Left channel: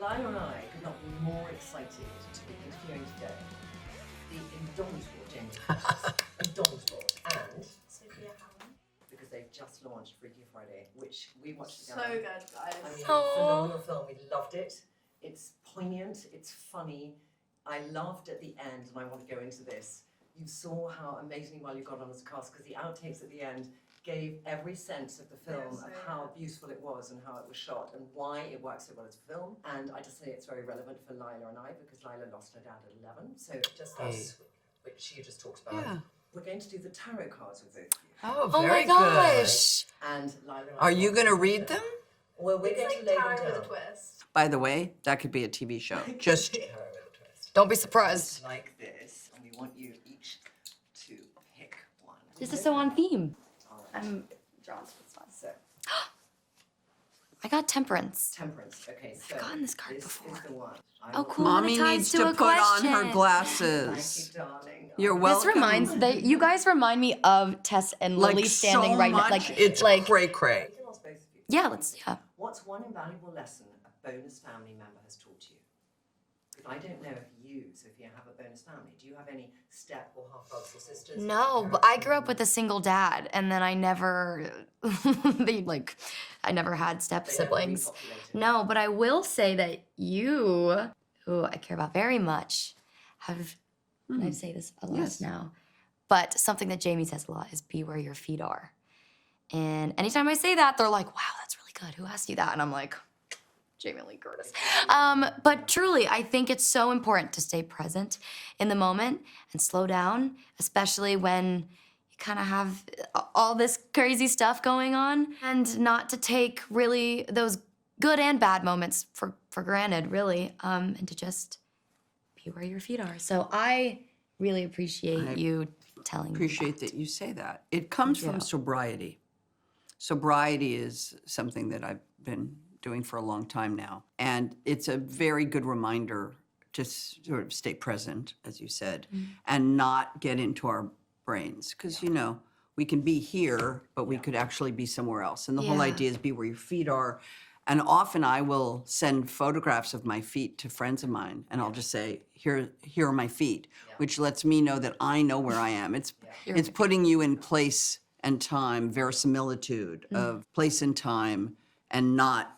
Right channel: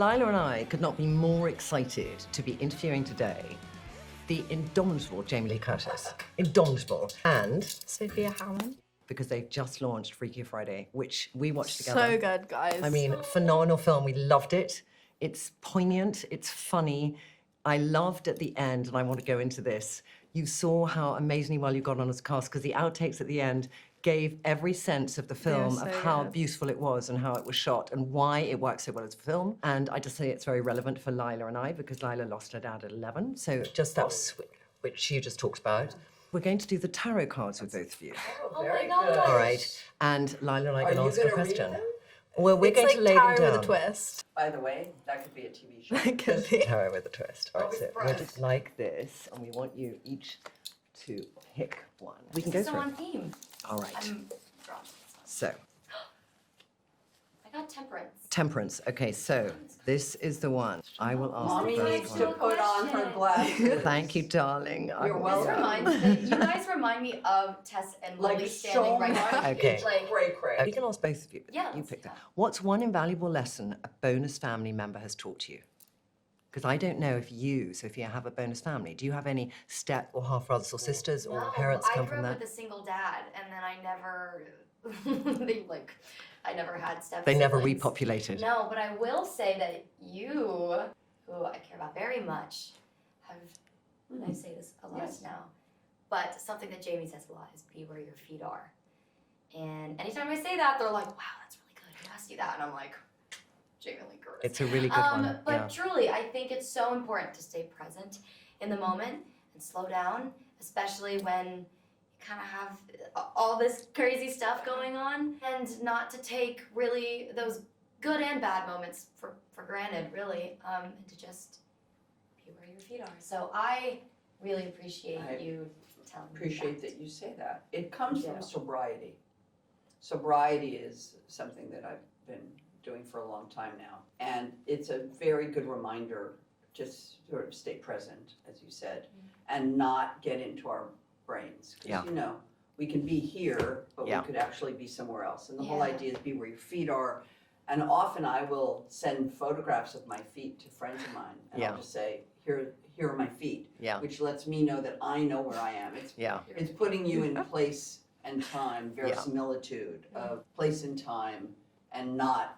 Lyla and I could not be more excited to be interviewing today the indomitable Jamie Lee Curtis. Indomitable. And Sophia Hammons. because they just launched Freakier Friday, which we watched together. So good, guys. I mean, phenomenal film. We loved it. It's poignant. It's funny. I loved at the end, and I want to go into this. You saw how amazingly well you got on as a cast, because the outtakes at the end gave every sense of the film, so of how good. beautiful it was and how it was shot and why it worked so well as a film. And I just say it's very relevant for Lyla and I, because Lyla lost her dad at 11. So just that which you just talked about. Yeah. We're going to do the tarot cards with both of you. Oh, very good. Right. And Lyla and I Are you going to read them? Well, we're going to lay them down. With a twist. By the way, that could be a TV show. Just tarot with a twist. Don't be surprised. Just like this, and we want you each to pick one. We This can is go so for on it. theme. All right. I'm drawn. So, I got temperance. temperance. Okay, so gotten this card this is the one. I Oh, will. cool. Mommy It ties needs to to a put on her question. glasses. Thank you, darling. You're I'm- welcome. This reminds you guys remind me of Tess and Lily standing so right much. like It's like cray We cray. can ask both of you. Yeah, You let's- pick. yeah. What's one invaluable lesson a bonus family member has taught you? Because I don't know if you, Sophia, have a bonus family. Do you have any step or half brothers or sisters? or No, parents but I come grew from up with that? a single dad, and then I never, I never had step They siblings. never repopulated. No, but I will say that you, who I care about very much, have, and I say this a lot now, but something that Jamie says a lot is be where your feet are. And anytime I say that, they're like, wow, that's really good. Who asked you that? And I'm like, Jamie Lee Curtis. It's a really good one. But yeah. truly, I think it's so important to stay present in the moment and slow down, especially when you kind of have all this crazy stuff going on, and not to take really those good and bad moments for granted, really, and to just be where your feet are. So I really appreciate you telling me Appreciate that. that you say that. It comes from sobriety. Sobriety is something that I've been doing for a long time now. And it's a very good reminder to sort of stay present, as you said, and not get into our brains. Because, you know, we can be here, but we could actually be somewhere else. And the whole Yeah. idea is be where your feet are. And often I will send photographs of my feet to friends of mine, and I'll just say, here are my feet, which lets me know that I know where I am. It's putting you in place and time, verisimilitude of place and time, and not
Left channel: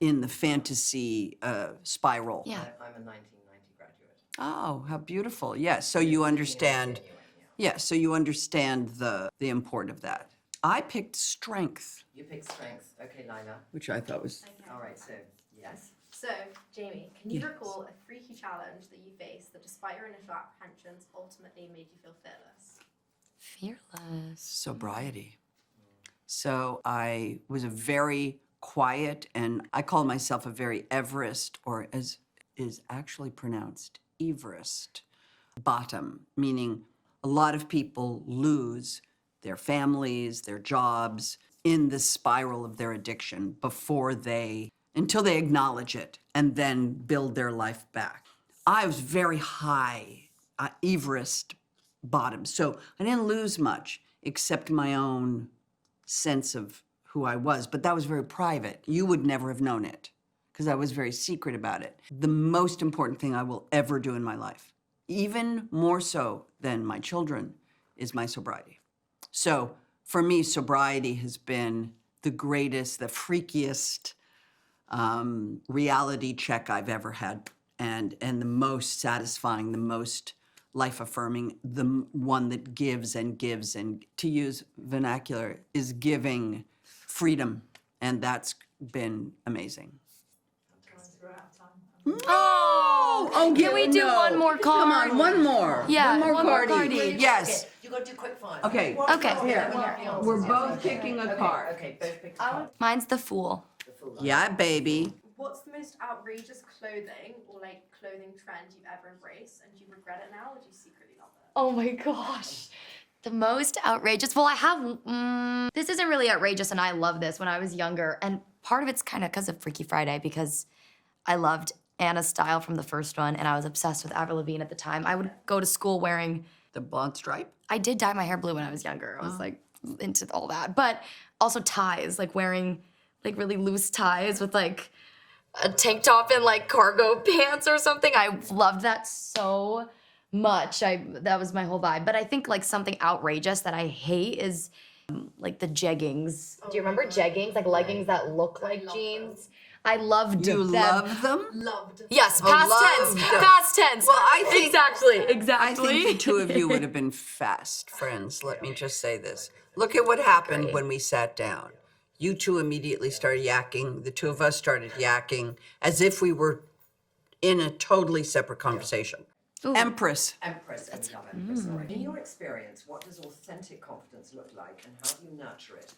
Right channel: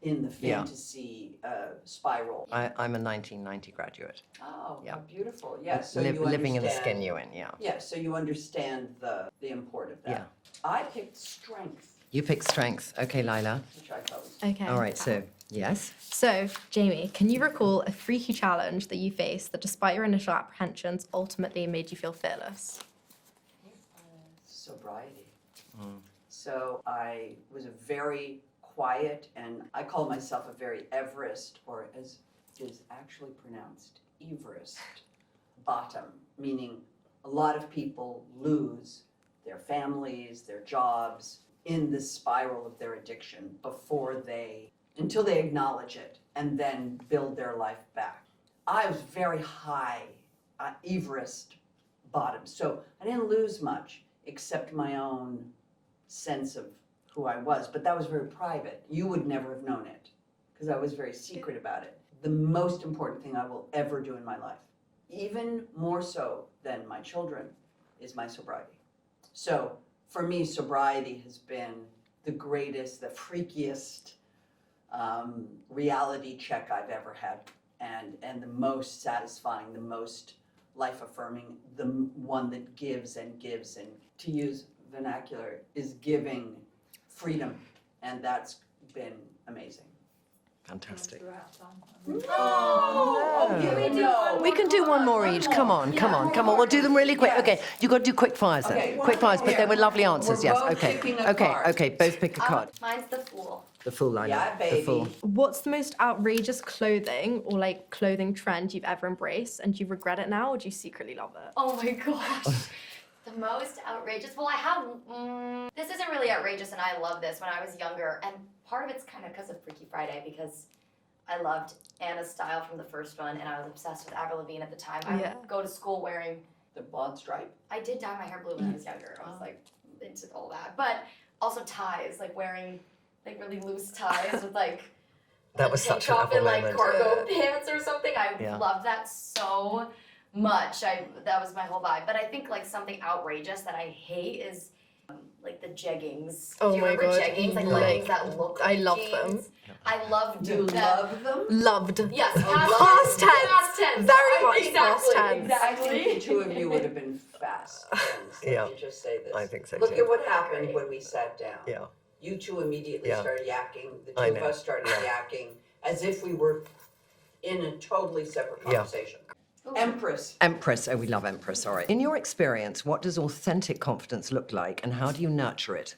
in the fantasy spiral. I'm a 1990 graduate. Oh, how beautiful. Yes, so Living you in the understand. skin you're in, yeah. Yeah, so you understand the import of that. I picked strength, You pick strength. Okay, Lyla. which I thought was Okay. All right, so, yes. So, Jamie, can you recall a freaky challenge that you faced that, despite your initial apprehensions, ultimately made you feel fearless? Fearless. sobriety. So I was a very quiet, and I call myself a very Everest, or as is actually pronounced, Everest bottom, meaning a lot of people lose their families, their jobs in the spiral of their addiction until they acknowledge it and then build their life back. I was very high, Everest bottom, so I didn't lose much except my own sense of who I was, but that was very private. You would never have known it because I was very secret about it. The most important thing I will ever do in my life, even more so than my children, is my sobriety. So for me, sobriety has been the greatest, the freakiest reality check I've ever had, and the most satisfying, the most life-affirming, the one that gives and gives, and to use vernacular, is giving freedom, and that's been amazing. Fantastic. Oh, can we do one more? We can do one more each. Come on, Yeah, come on. We'll do them really quick. Yes. Okay, you got to do quick fires. Okay, though. Quick fires, but here. they were lovely answers. We're Yes. both Okay. picking a Okay. card. Okay. Both pick a card. Mine's the Fool. The full line. Yeah, The baby. Fool. What's the most outrageous clothing or clothing trend you've ever embraced, and do you regret it now, or do you secretly love it? Oh my gosh. The most outrageous. Well, I have. This isn't really outrageous, and I love this when I was younger. And part of it's kind of because of Freaky Friday, because I loved Anna's style from the first one, and I was obsessed with Avril Lavigne at the time. I would go to school wearing. The blonde stripe? I did dye my hair blue when I was younger. I was into all that, but also ties, wearing really loose ties with That a was tank such an top and epic like moment. cargo pants or something. I Yeah. loved that so much. That was my whole vibe. But I think like something outrageous that I hate is like the jeggings. Oh Do you my remember God. jeggings? Like leggings that look I like love jeans? them. I loved You them. love them? Loved. Yes, Oh, past loved. tense. Past tense. Well, I think- exactly. Past tense. Exactly. I think the two of you would have been fast friends. Let Yeah. me just say this. I think so, Look too. at what happened Great. when we sat down. Yeah. You two immediately Yeah. started yakking. The two I of know. us started yakking as if we were in a totally separate conversation. Empress. Empress. Oh, we love Empress, sorry. In your experience, what does authentic confidence look like and how do you nurture it?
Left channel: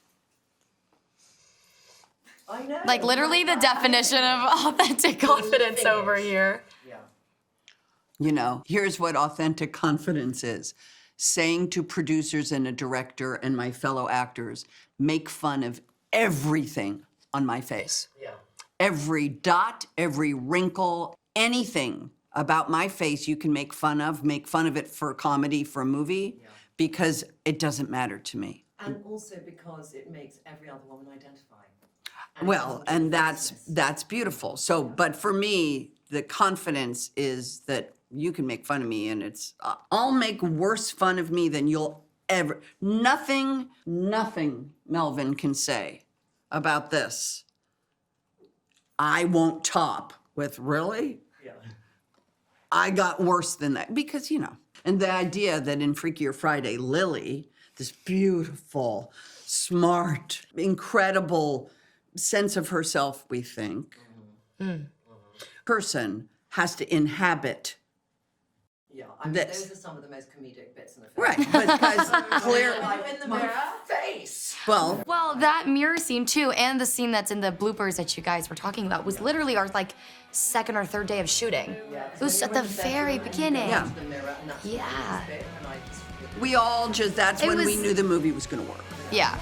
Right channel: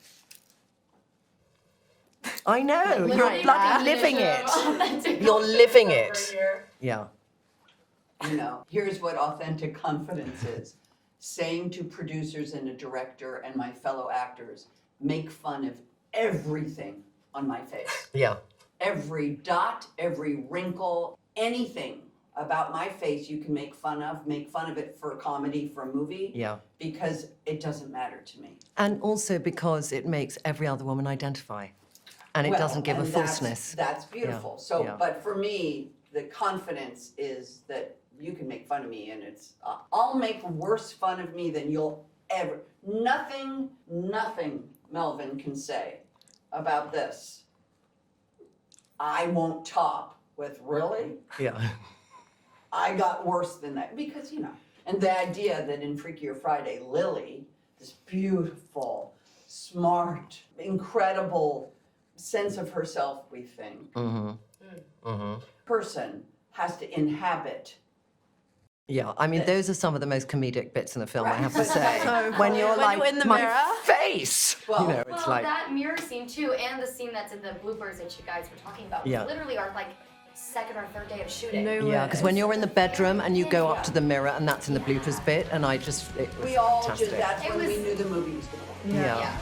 I know. Like literally you're the definition living of it. authentic You're confidence living over it. here. Yeah. You know, here's what authentic confidence is. Saying to producers and a director and my fellow actors, make fun of everything on my face. Yeah. Every dot, every wrinkle, anything about my face you can make fun of it for comedy, for a movie. Yeah. Because it doesn't matter to me. And also because it makes every other woman identify. And it Well, doesn't give and a that's falseness. that's beautiful. Yeah, So, yeah. but for me, the confidence is that you can make fun of me, and it's I'll make worse fun of me than you'll ever. Nothing Melvin can say about this. I won't top with really. Yeah. I got worse than that because, you know, and the idea that in Freakier Friday, Lily, this beautiful, smart, incredible sense of herself, we think, person has to inhabit. Yeah, I mean, This. those are some of the most comedic bits in the film. Right. I have to say. when you're When like, you're in the my mirror? face. Well, You know, it's Well, like- that mirror scene too, and the scene that's in the bloopers that you guys were talking about was Yeah. literally our like second or third day of shooting. Yeah, because It when was you're at in the the very bedroom and you go beginning. up to the mirror and that's in the Yeah. bloopers bit, and I just... we all just, that's It when we was- knew the movie was going to work. Yeah.